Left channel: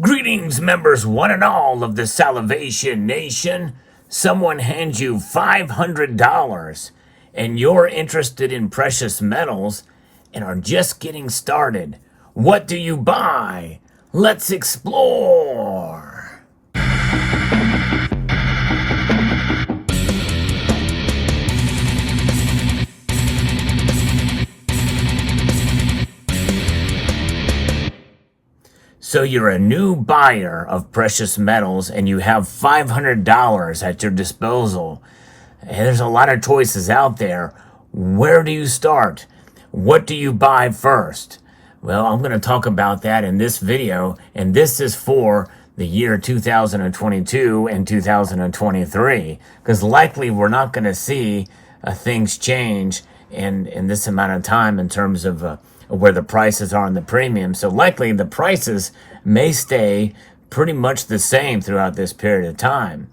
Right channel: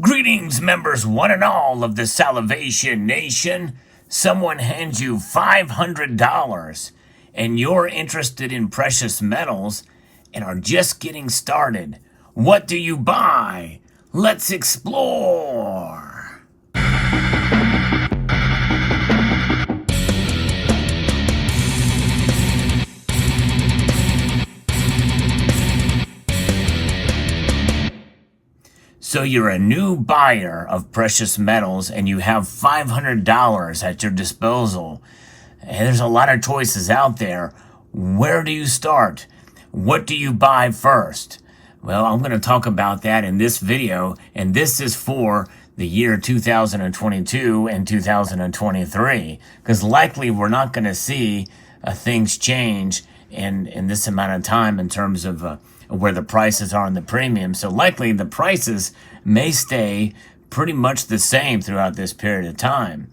Greetings, members one and all of the Salivation Nation. Someone hands you $500 and you're interested in precious metals and are just getting started. What do you buy? Let's explore. So you're a new buyer of precious metals and you have $500 at your disposal. And there's a lot of choices out there. Where do you start? What do you buy first? Well, I'm going to talk about that in this video, and this is for the year 2022 and 2023, because likely we're not going to see things change in this amount of time in terms of where the prices are on the premium. So likely the prices may stay pretty much the same throughout this period of time.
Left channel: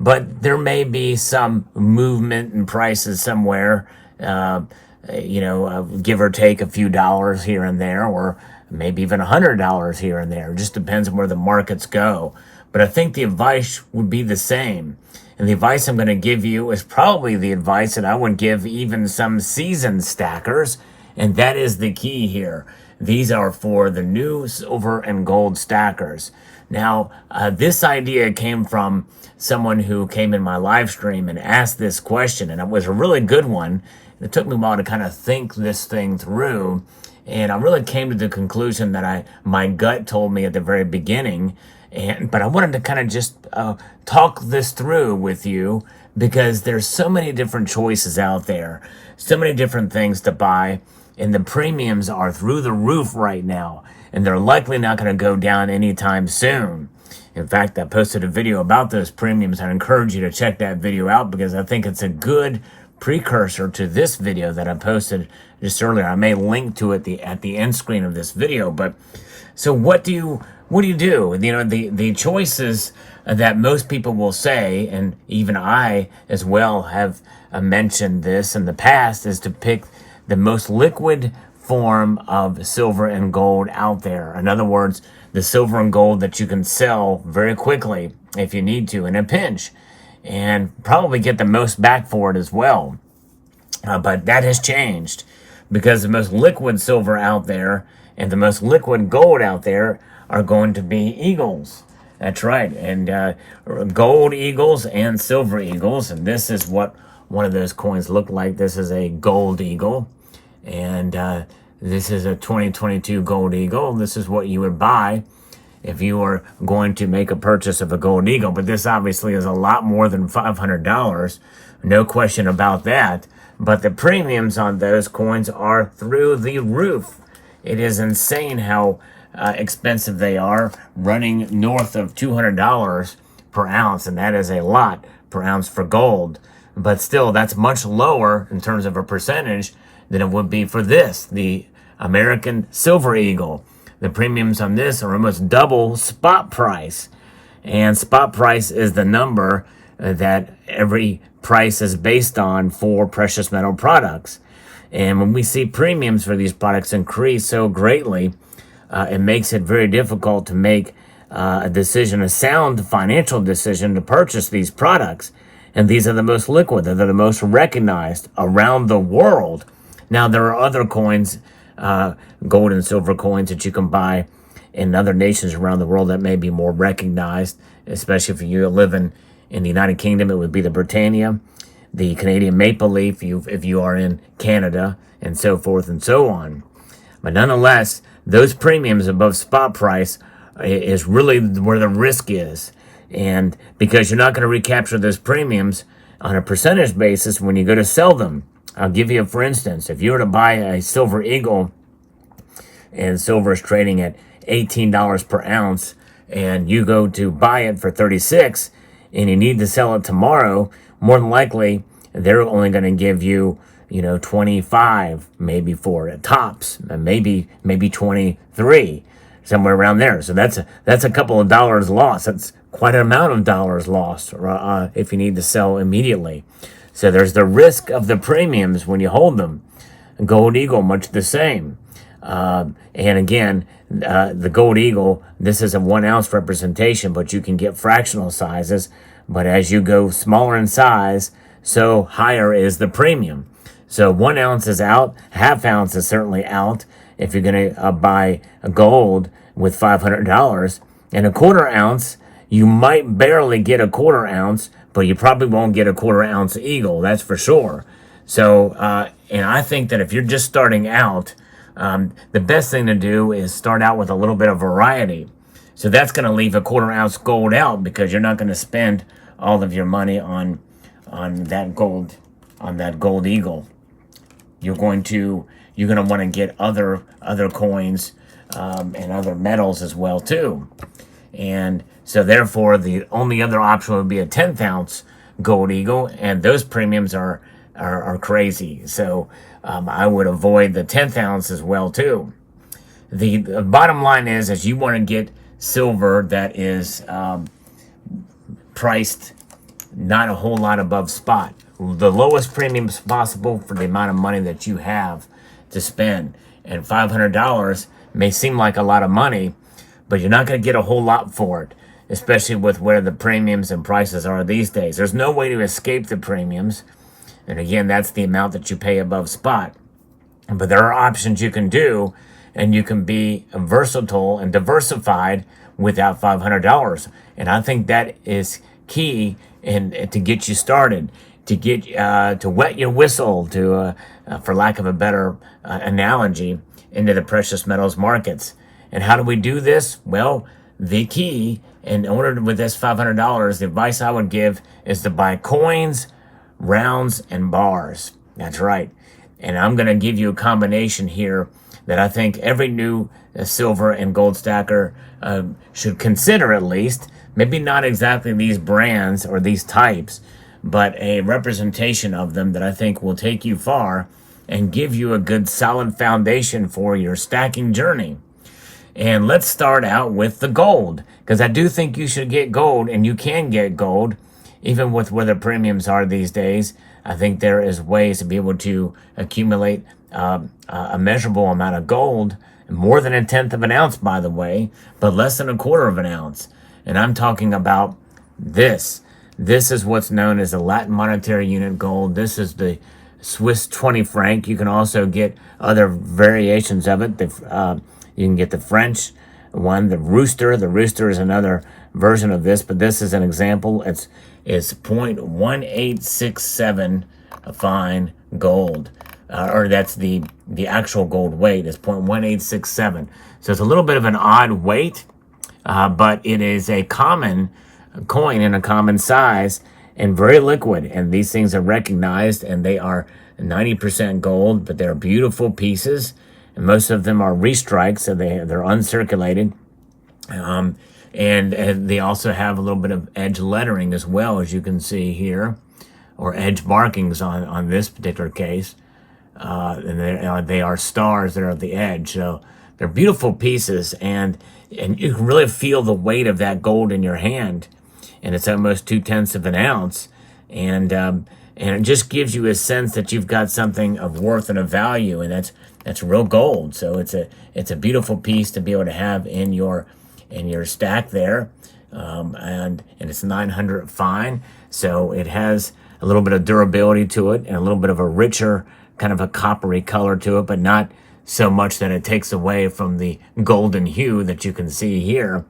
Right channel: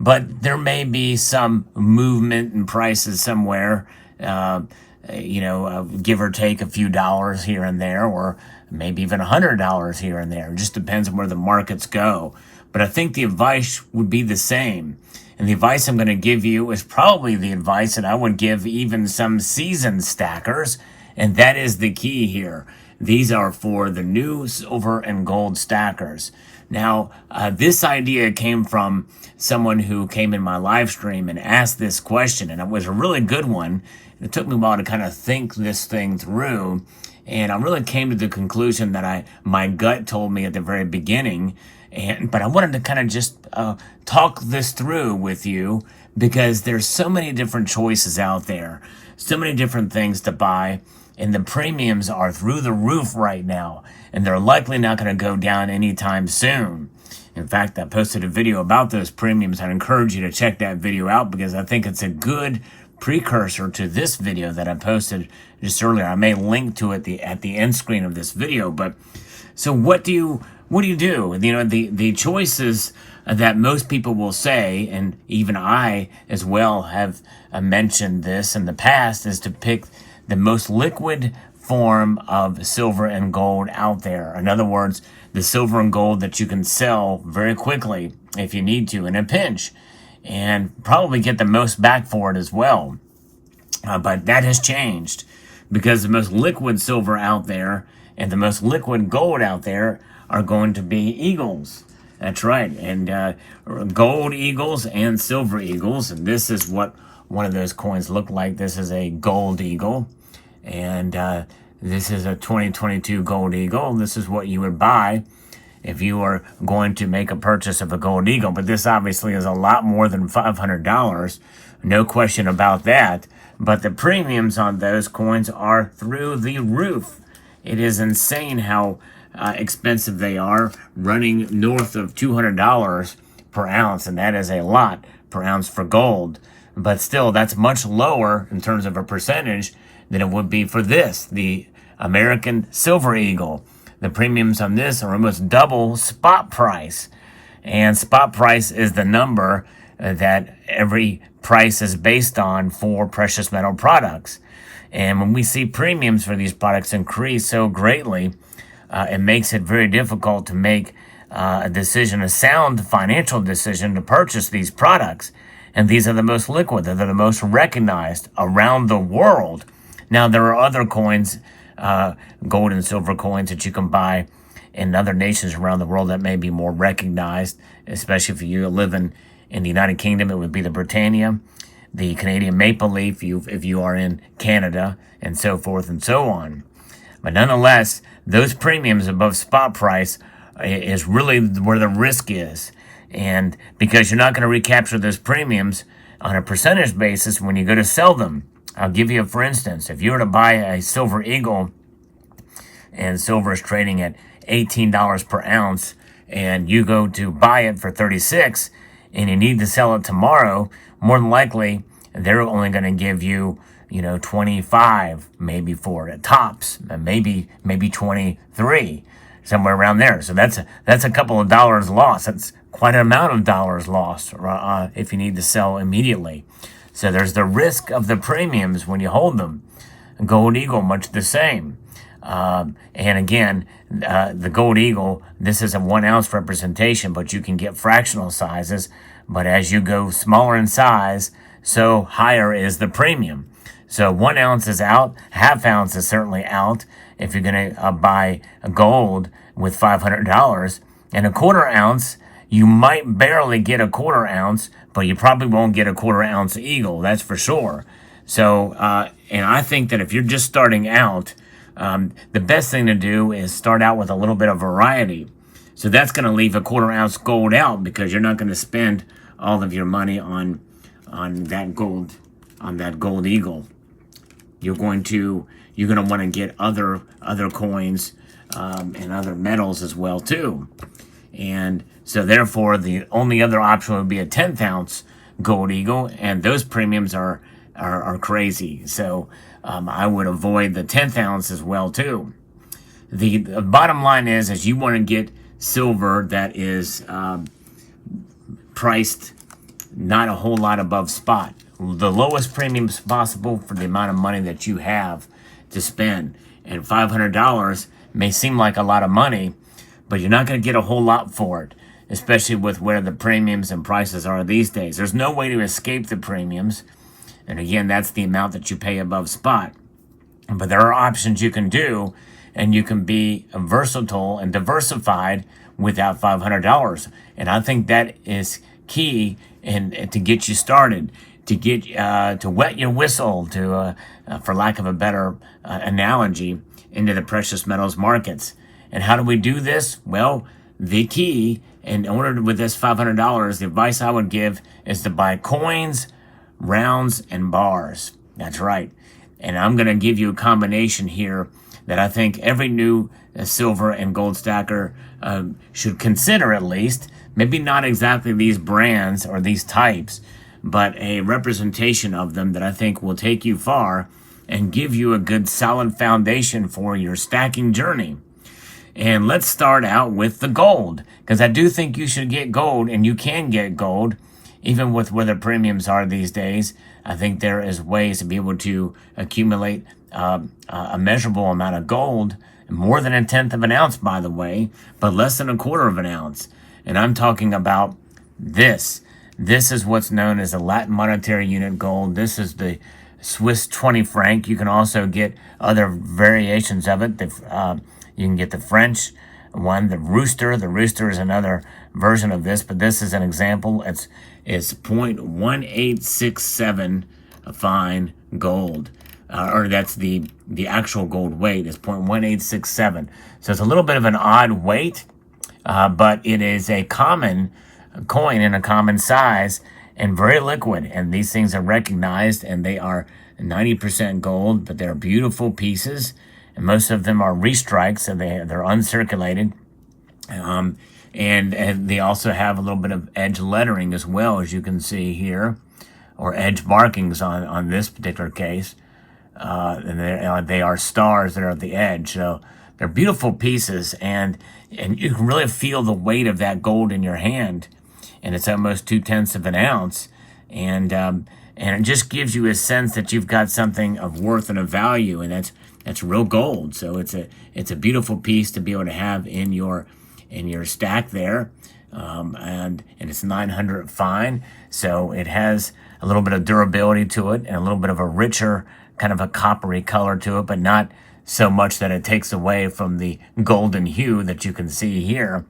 But there may be some movement in prices somewhere, give or take a few dollars here and there, or maybe even $100 here and there. It just depends on where the markets go. But I think the advice would be the same. And the advice I'm going to give you is probably the advice that I would give even some seasoned stackers. And that is the key here. These are for the new silver and gold stackers. Now, this idea came from someone who came in my live stream and asked this question, and it was a really good one. It took me a while to kind of think this thing through, and I really came to the conclusion that my gut told me at the very beginning. But I wanted to kind of just talk this through with you, because there's so many different choices out there, so many different things to buy. And the premiums are through the roof right now, and they're likely not going to go down anytime soon. In fact, I posted a video about those premiums. I encourage you to check that video out, because I think it's a good precursor to this video that I posted just earlier. I may link to it at the end screen of this video. But so what do you do? You know, the choices that most people will say, and even I as well have mentioned this in the past, is to pick the most liquid form of silver and gold out there. In other words, the silver and gold that you can sell very quickly if you need to in a pinch, and probably get the most back for it as well. But that has changed, because the most liquid silver out there and the most liquid gold out there are going to be eagles. That's right. And gold eagles and silver eagles. And this is what one of those coins look like. This is a gold eagle, and this is a 2022 gold eagle. This is what you would buy if you are going to make a purchase of a gold eagle. But this obviously is a lot more than $500, no question about that. But the premiums on those coins are through the roof. It is insane how expensive they are, running north of $200 per ounce, and that is a lot per ounce for gold. But still, that's much lower in terms of a percentage than it would be for this, the American Silver Eagle. The premiums on this are almost double spot price. And spot price is the number that every price is based on for precious metal products. And when we see premiums for these products increase so greatly, it makes it very difficult to make a decision, a sound financial decision to purchase these products. And these are the most liquid. They're the most recognized around the world. Now, there are other coins, gold and silver coins, that you can buy in other nations around the world that may be more recognized, especially if you live in the United Kingdom. It would be the Britannia, the Canadian Maple Leaf, if you are in Canada, and so forth and so on. But nonetheless, those premiums above spot price is really where the risk is. And because you're not going to recapture those premiums on a percentage basis when you go to sell them. I'll give you for instance, if you were to buy a silver eagle, and silver is trading at $18 per ounce, and you go to buy it for $36, and you need to sell it tomorrow, more than likely they're only going to give you, 25 maybe for it, tops, maybe 23. Somewhere around there. So that's a couple of dollars lost. That's quite an amount of dollars lost if you need to sell immediately. So there's the risk of the premiums when you hold them. Gold eagle, much the same. And again, the Gold Eagle, this is a 1 ounce representation, but you can get fractional sizes. But as you go smaller in size, so higher is the premium. So 1 ounce is out, ½ ounce is certainly out if you're going to buy a gold with $500. And ¼ ounce, you might barely get ¼ ounce, but you probably won't get ¼ ounce Eagle, that's for sure. So, and I think that if you're just starting out, the best thing to do is start out with a little bit of variety. So that's going to leave ¼ ounce gold out because you're not going to spend all of your money on that gold Eagle. You're going to want to get other coins and other metals as well too. And so therefore the only other option would be a 10th ounce Gold Eagle, and those premiums are crazy. So I would avoid the 10th ounce as well too. The bottom line is you want to get silver that is priced not a whole lot above spot. The lowest premiums possible for the amount of money that you have to spend. And $500 may seem like a lot of money, but you're not going to get a whole lot for it, especially with where the premiums and prices are these days. There's no way to escape the premiums. And again, that's the amount that you pay above spot. But there are options you can do, and you can be versatile and diversified without $500. And I think that is key to get you started, to get to wet your whistle, to for lack of a better analogy, into the precious metals markets. And how do we do this? Well, the key, in order with this $500, the advice I would give is to buy coins, rounds, and bars. That's right. And I'm going to give you a combination here that I think every new silver and gold stacker should consider, at least. Maybe not exactly these brands or these types, but a representation of them that I think will take you far and give you a good solid foundation for your stacking journey. And let's start out with the gold, because I do think you should get gold, and you can get gold even with where the premiums are these days. I think there is ways to be able to accumulate a measurable amount of gold, more than 1/10 of an ounce, by the way, but less than 1/4 of an ounce. And I'm talking about this. This is what's known as the Latin monetary unit gold. This is the Swiss 20 franc. You can also get other variations of it. You can get the French one, the rooster. The rooster is another version of this, but this is an example. It's 0.1867 fine gold, or that's the actual gold weight is 0.1867. So it's a little bit of an odd weight, but it is a common coin in a common size and very liquid. And these things are recognized, and they are 90% gold, but they're beautiful pieces. And most of them are restrikes, so they're uncirculated. And they also have a little bit of edge lettering as well, as you can see here, or edge markings on this particular case. And they are stars that are at the edge. So they're beautiful pieces, and you can really feel the weight of that gold in your hand. And it's almost 2/10 of an ounce. And it just gives you a sense that you've got something of worth and of value, and that's real gold. So it's a beautiful piece to be able to have in your stack there, and it's 900 fine, so it has a little bit of durability to it and a little bit of a richer kind of a coppery color to it, but not so much that it takes away from the golden hue that you can see here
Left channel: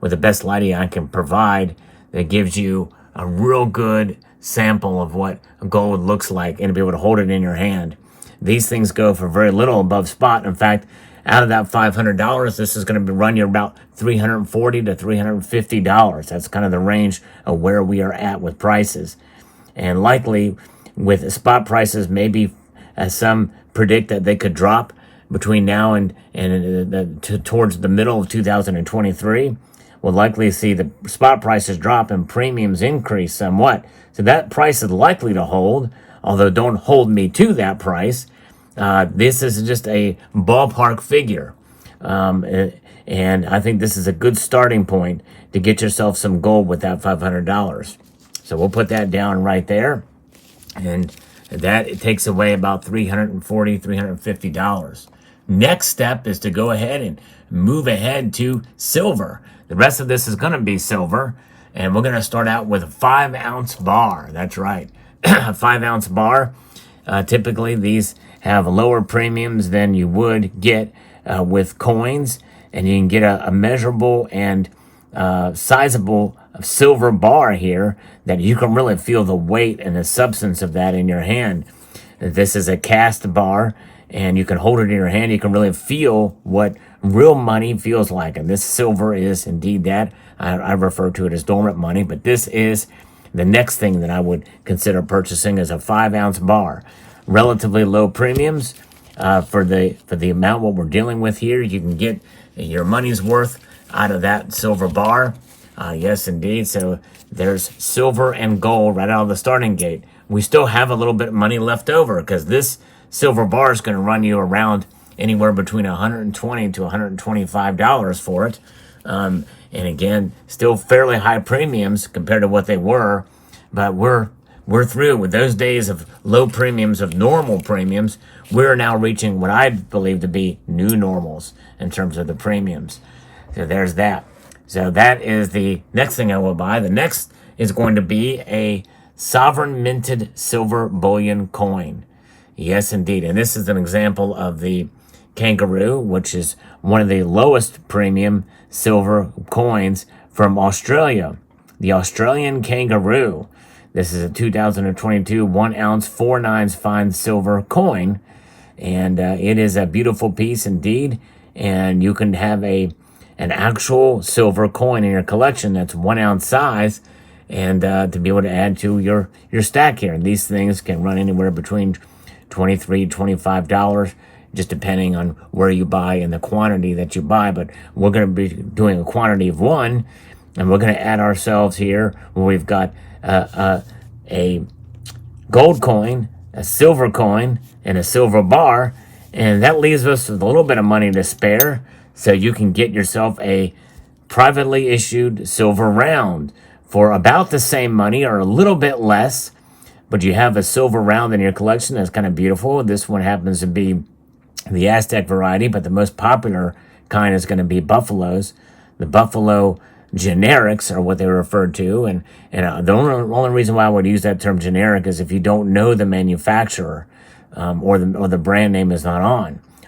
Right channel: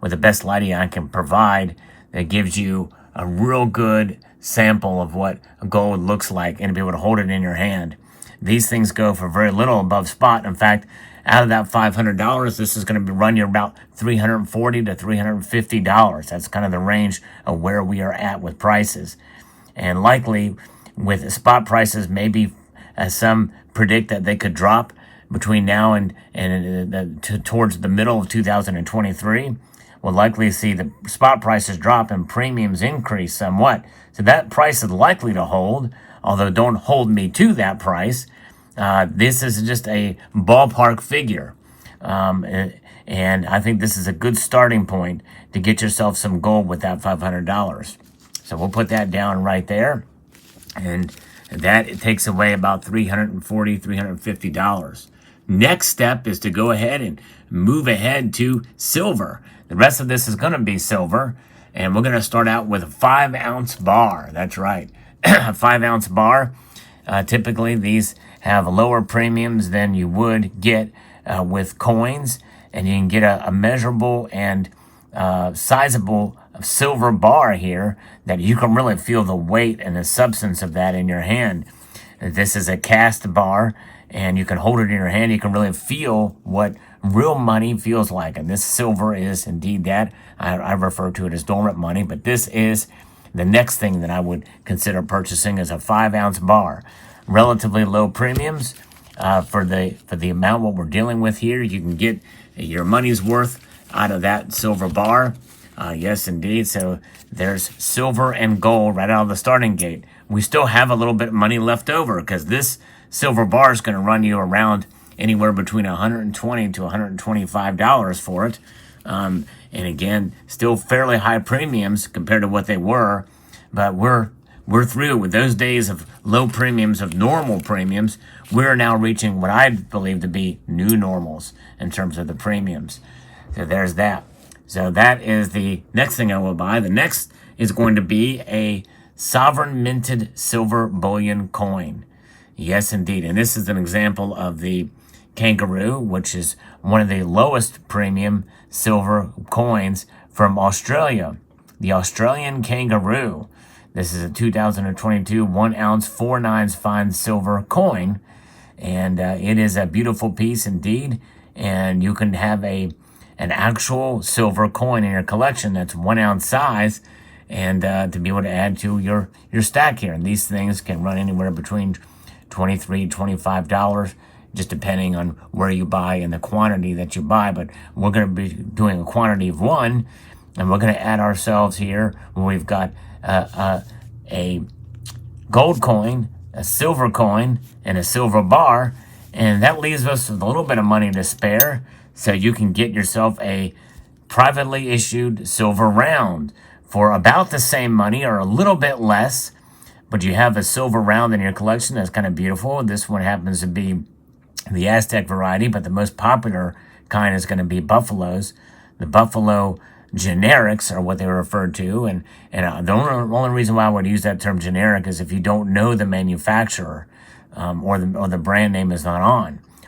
with the best lighting I can provide. That gives you a real good sample of what gold looks like, and to be able to hold it in your hand. These things go for very little above spot. In fact, out of that $500, this is going to run you about $340 to $350. That's kind of the range of where we are at with prices. And likely with spot prices, maybe as some predict that they could drop between now and towards the middle of 2023, we'll likely see the spot prices drop and premiums increase somewhat. So that price is likely to hold, although don't hold me to that price. This is just a ballpark figure. And I think this is a good starting point to get yourself some gold with that $500. So we'll put that down right there. And that it takes away about $340, $350. Next step is to go ahead and move ahead to silver. The rest of this is going to be silver, and we're going to start out with a 5-ounce bar. That's right, a 5-ounce bar. Typically, these have lower premiums than you would get with coins, and you can get a measurable and sizable silver bar here that you can really feel the weight and the substance of that in your hand. This is a cast bar, and you can hold it in your hand. You can really feel what real money feels like, and this silver is indeed that. I refer to it as dormant money, but this is the next thing that I would consider purchasing is a 5-ounce bar. Relatively low premiums for the amount what we're dealing with here. You can get your money's worth out of that silver bar. Yes, indeed. So there's silver and gold right out of the starting gate. We still have a little bit of money left over because this silver bar is going to run you around anywhere between $120 to $125 for it. And again, still fairly high premiums compared to what they were, but we're through with those days of low premiums, of normal premiums. We're now reaching what I believe to be new normals in terms of the premiums. So there's that. So that is the next thing I will buy. The next is going to be a sovereign minted silver bullion coin. Yes, indeed. And this is an example of the kangaroo, which is one of the lowest premium silver coins from Australia. The Australian kangaroo. This is a 2022 1-ounce 4/9 fine silver coin. And it is a beautiful piece indeed. And you can have an actual silver coin in your collection that's 1-ounce size, and to be able to add to your stack here. These things can run anywhere between $23, $25, just depending on where you buy and the quantity that you buy. But we're going to be doing a quantity of 1, and we're going to add ourselves here where we've got a gold coin, a silver coin, and a silver bar, and that leaves us with a little bit of money to spare, so you can get yourself a privately issued silver round for about the same money or a little bit less, but you have a silver round in your collection that's kind of beautiful. This one happens to be the Aztec variety, but the most popular kind is going to be Buffaloes. The Buffalo generics are what they were referred to, and the only reason why I would use that term generic is if you don't know the manufacturer or the brand name is not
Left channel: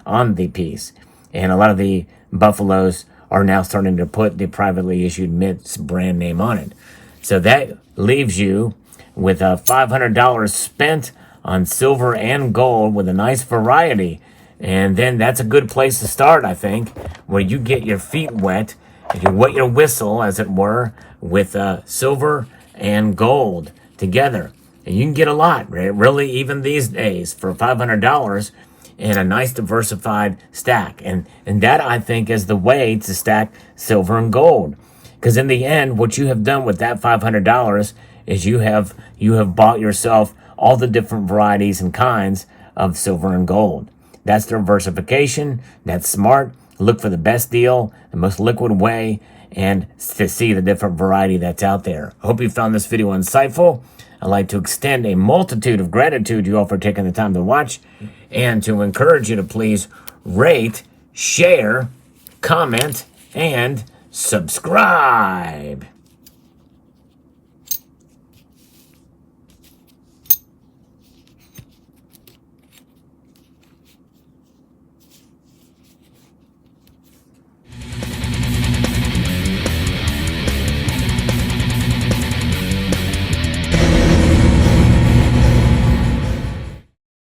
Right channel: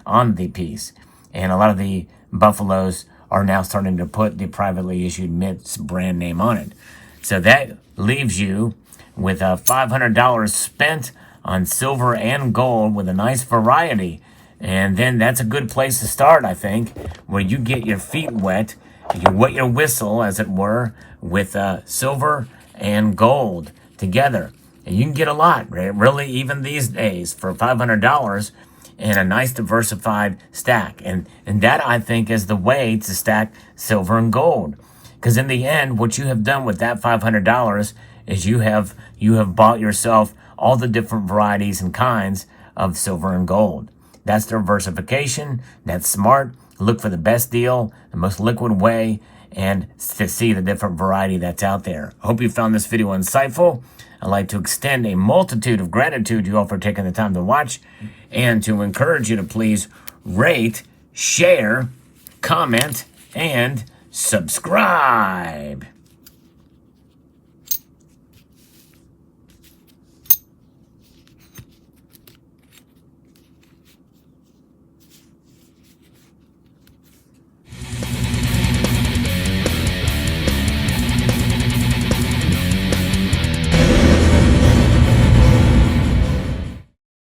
on the piece. And a lot of the Buffaloes are now starting to put the privately issued Mint's brand name on it. So that leaves you with $500 spent on silver and gold with a nice variety. And then that's a good place to start, I think, where you get your feet wet, you wet your whistle, as it were, with silver and gold together. And you can get a lot, right? Really, even these days, for $500 and a nice diversified stack. And that, I think, is the way to stack silver and gold. Because in the end, what you have done with that $500 is you have bought yourself all the different varieties and kinds of silver and gold. That's diversification. That's smart. Look for the best deal, the most liquid way, and to see the different variety that's out there. I hope you found this video insightful. I'd like to extend a multitude of gratitude to you all for taking the time to watch, and to encourage you to please rate, share, comment, and subscribe.